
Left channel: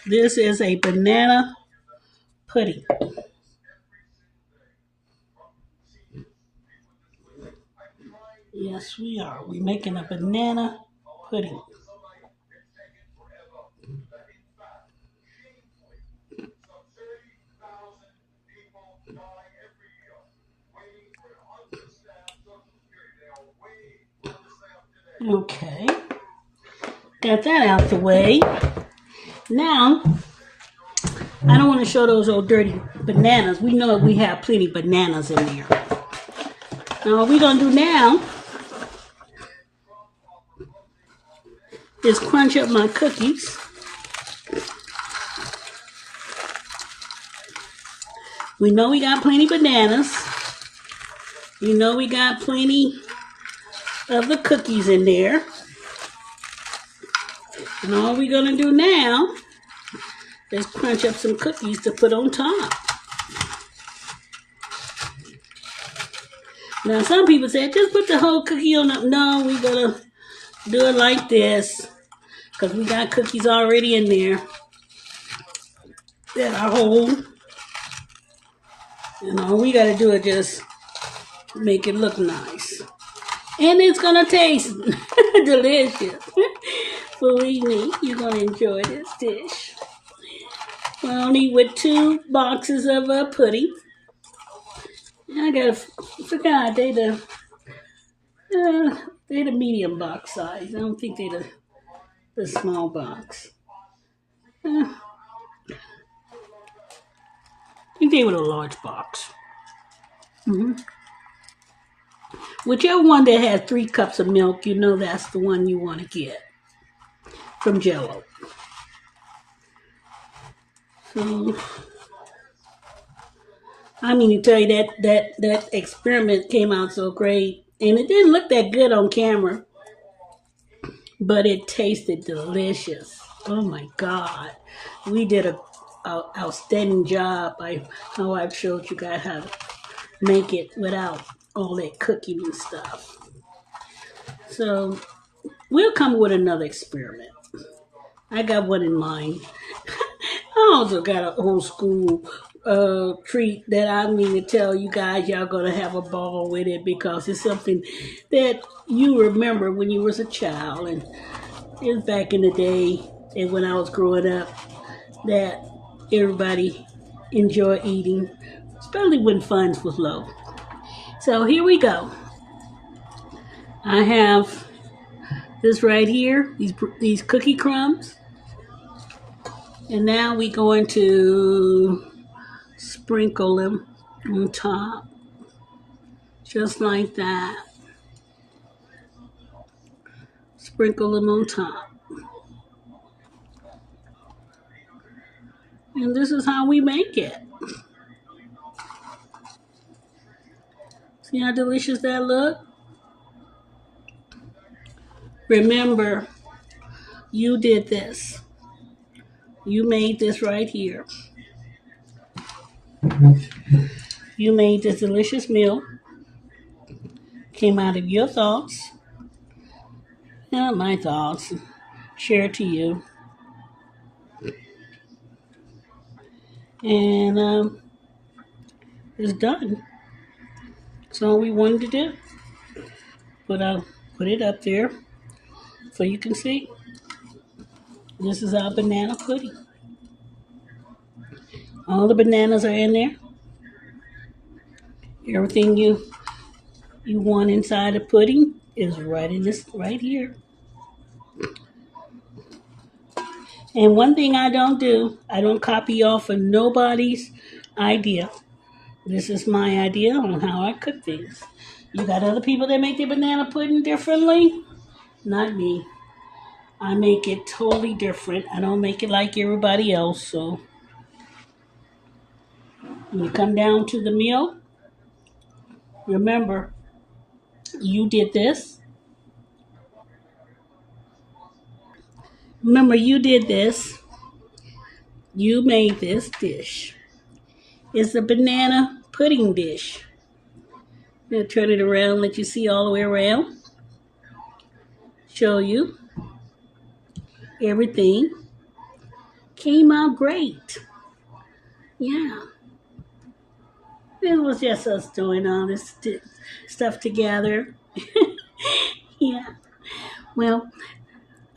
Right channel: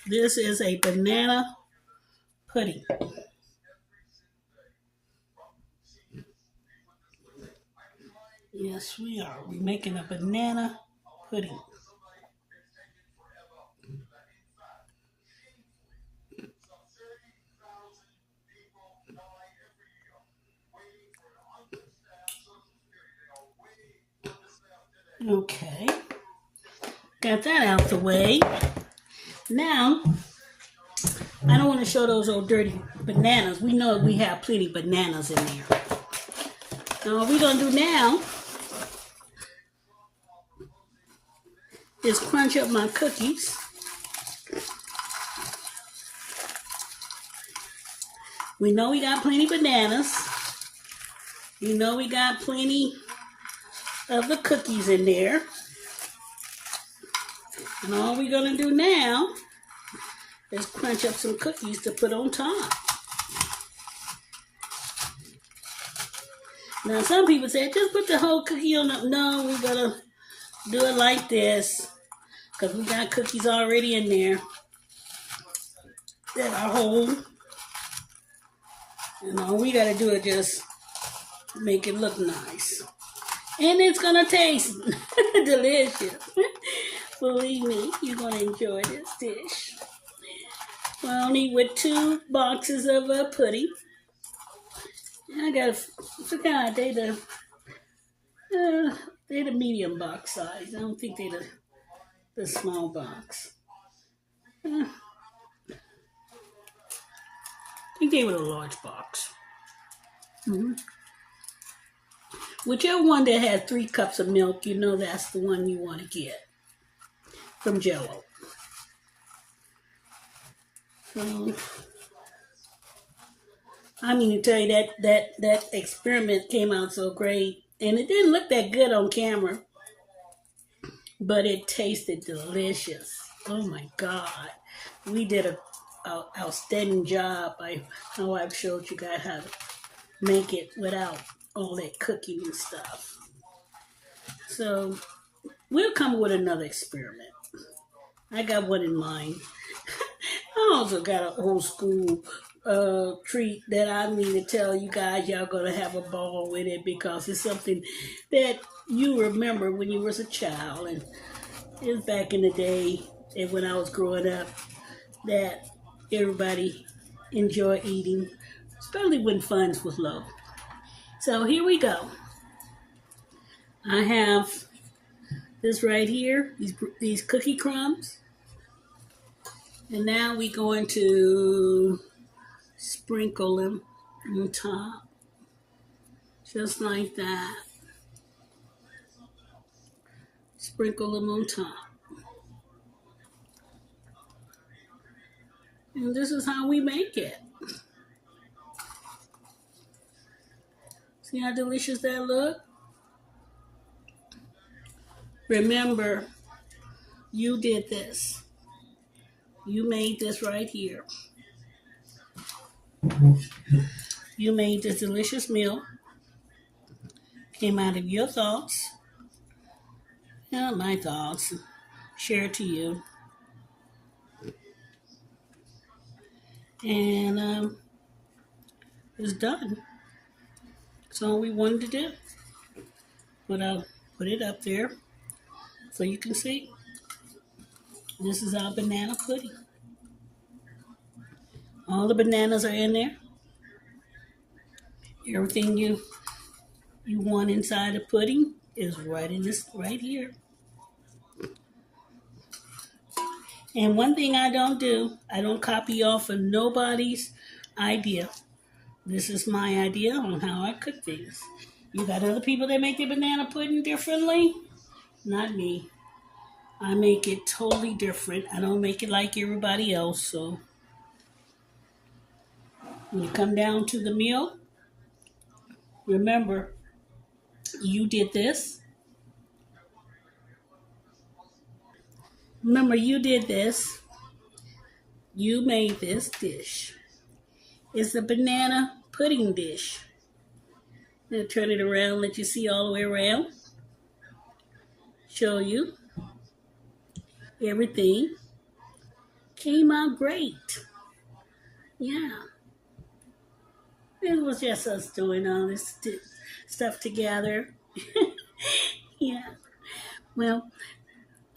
This is a banana pudding. Yes, we are. We're making a banana pudding. Okay. Got that out the way. Now, I don't want to show those old dirty bananas. We know we have plenty of bananas in there. Now, what we're going to do now is crunch up my cookies. We know we got plenty of bananas. We know we got plenty of the cookies in there. And all we're going to do now is crunch up some cookies to put on top. Now, some people say, just put the whole cookie on the... No, we're going to do it like this because we got cookies already in there that are whole. And all we got to do is just make it look nice. And it's going to taste delicious. Believe me, you're going to enjoy this dish. We're only with 2 boxes of pudding. I forgot they the medium box size. I don't think they the small box. I think they were the large box. Whichever one that has 3 cups of milk, you know that's the one you want to get from Jello. So I mean to tell you that experiment came out so great, and it didn't look that good on camera, but it tasted delicious. Oh my God, we did a outstanding job. My wife showed you guys how to make it without all that cooking and stuff. So we'll come with another experiment. I got one in mind. I also got an old school treat that I mean to tell you guys. Y'all gonna have a ball with it because it's something that you remember when you was a child, and it was back in the day and when I was growing up that everybody enjoyed eating, especially when funds was low. So here we go. I have this right here, these cookie crumbs, and now we're going to sprinkle them on top, just like that. Sprinkle them on top. And this is how we make it. See how delicious that look? Remember, you did this. You made this right here. You made this delicious meal. Came out of your thoughts. Not my thoughts. Share it to you. And it's done. That's all we wanted to do. But I'll put it up there so you can see. This is our banana pudding. All the bananas are in there. Everything you want inside the pudding is right in this right here. And one thing I don't do, I don't copy off of nobody's idea. This is my idea on how I cook things. You got other people that make their banana pudding differently? Not me. I make it totally different. I don't make it like everybody else. So when you come down to the meal, remember, you did this. Remember, you did this. You made this dish. It's a banana pudding dish. I'm going to turn it around, let you see all the way around. Show you. Everything came out great. Yeah. It was just us doing all this stuff together. Yeah. Well,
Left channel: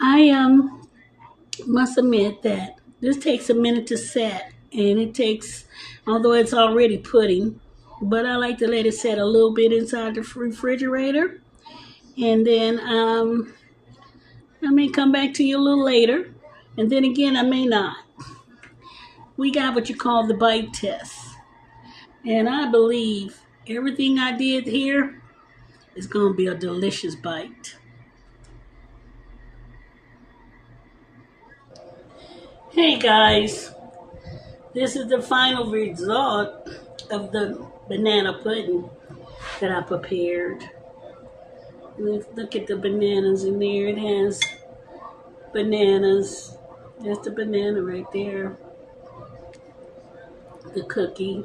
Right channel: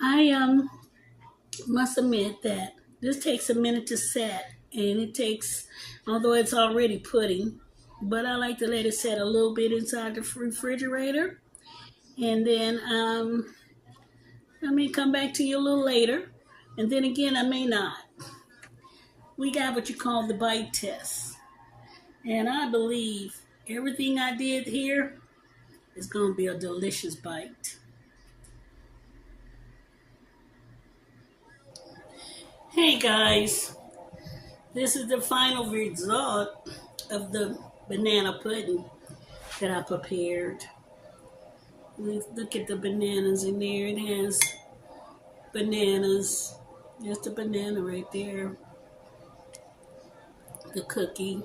I must admit that this takes a minute to set, and it takes, although it's already pudding, but I like to let it set a little bit inside the refrigerator, and then I may come back to you a little later, and then again I may not. We got what you call the bite test, and I believe everything I did here is going to be a delicious bite. Hey guys, this is the final result of the banana pudding that I prepared. Look at the bananas in there. It has bananas. There's the banana right there. The cookie,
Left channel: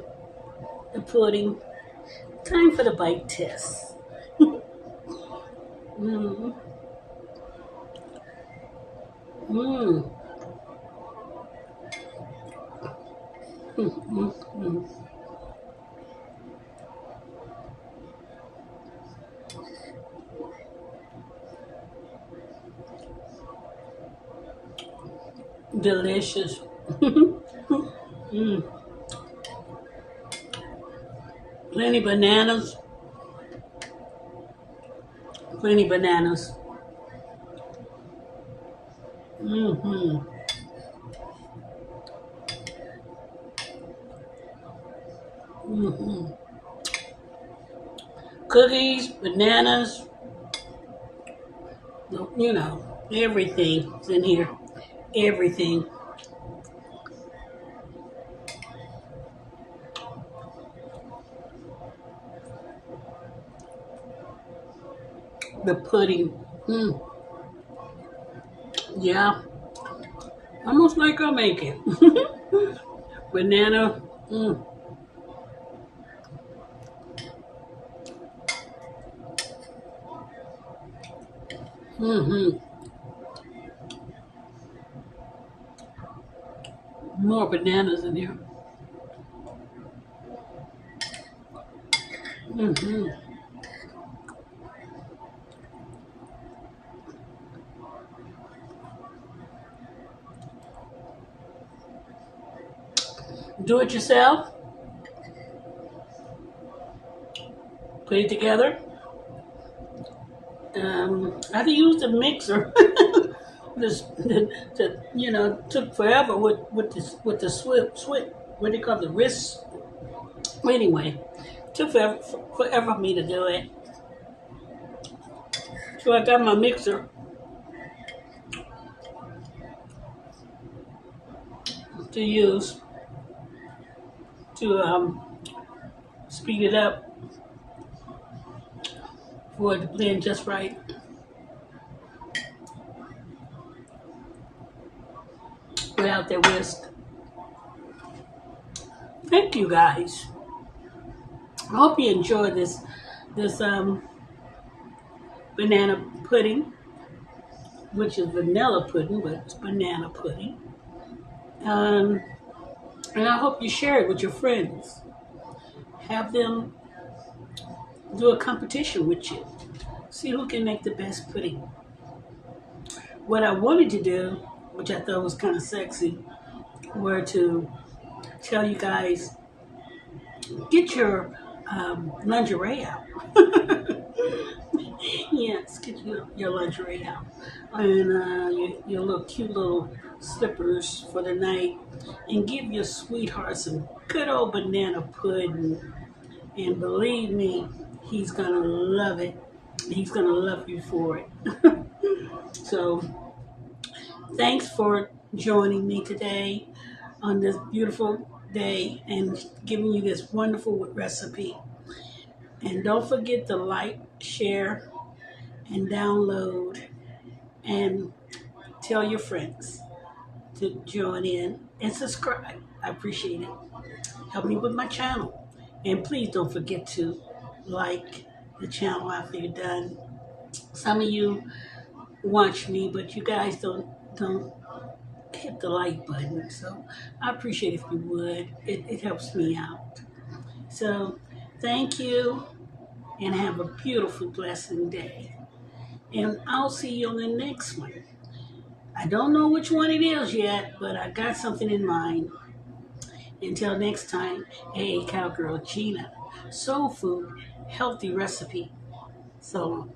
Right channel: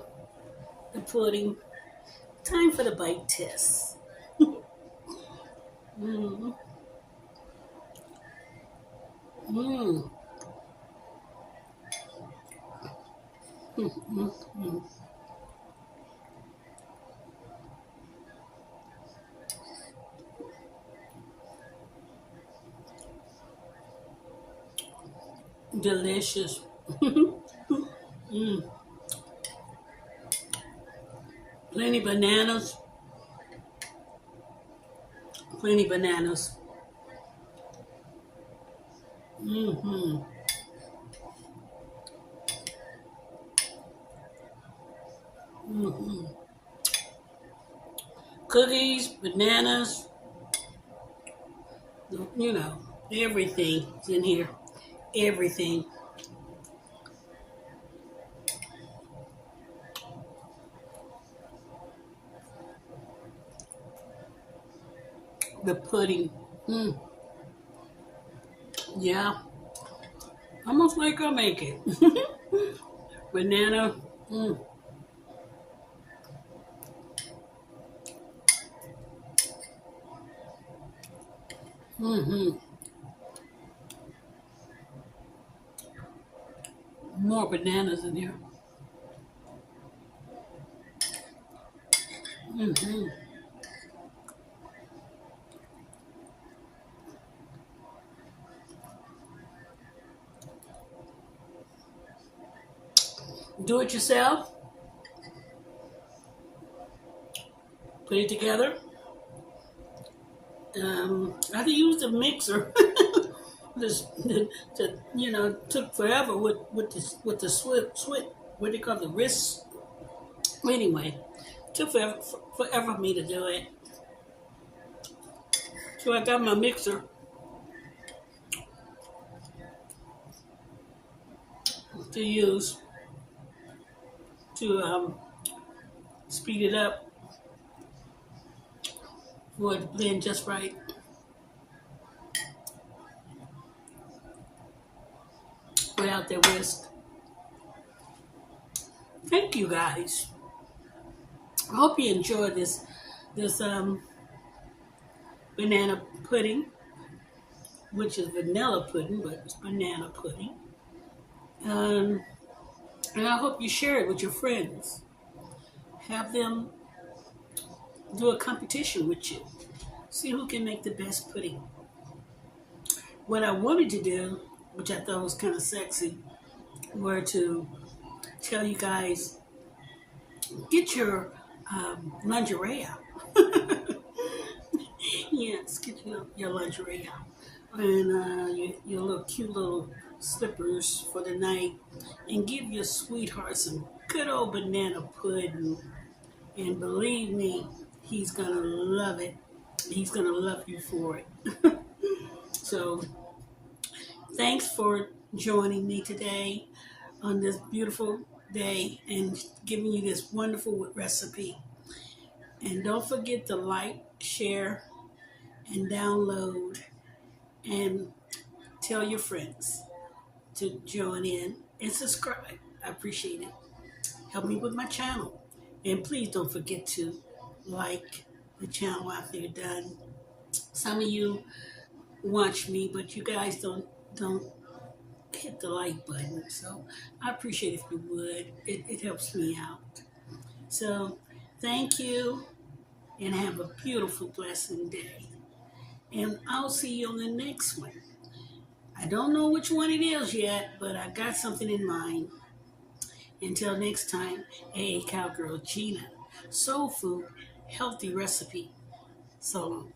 the pudding. Time for the bite test. Mmm. Mmm. Mm-mm-mm. Delicious. Mm. Plenty bananas. Plenty bananas. Mm-hmm. Mm-hmm. Cookies, bananas, you know, everything's in here. Everything. The pudding. Yeah. Almost like I make it. Banana. Mm-hmm. More bananas in here. Mm-hmm. Do it yourself. Put it together. I had to use the mixer. Just took forever with the swit. What do you call the wrist? Anyway, took forever for me to do it. So I got my mixer to use to speed it up for it to blend just right without that whisk. Thank you guys. I hope you enjoyed this banana pudding, which is vanilla pudding, but it's banana pudding. Um, and I hope you share it with your friends. Have them do a competition with you. See who can make the best pudding. What I wanted to do, which I thought was kind of sexy, were to tell you guys, get your lingerie out. Yes, get your lingerie out. And your little cute little slippers for the night. And give your sweetheart some good old banana pudding. And believe me, he's going to love it. He's going to love you for it. So, thanks for joining me today on this beautiful day and giving you this wonderful recipe. And don't forget to like, share, and download, and tell your friends to join in and subscribe. I appreciate it. Help me with my channel. And please don't forget to like the channel after you're done. Some of you watch me, but you guys don't hit the like button. So I appreciate if you would. It helps me out. So thank you and have a beautiful, blessed day. And I'll see you on the next one. I don't know which one it is yet, but I got something in mind. Until next time, hey, Cowgirl Gina. Soul food, healthy recipe. So long.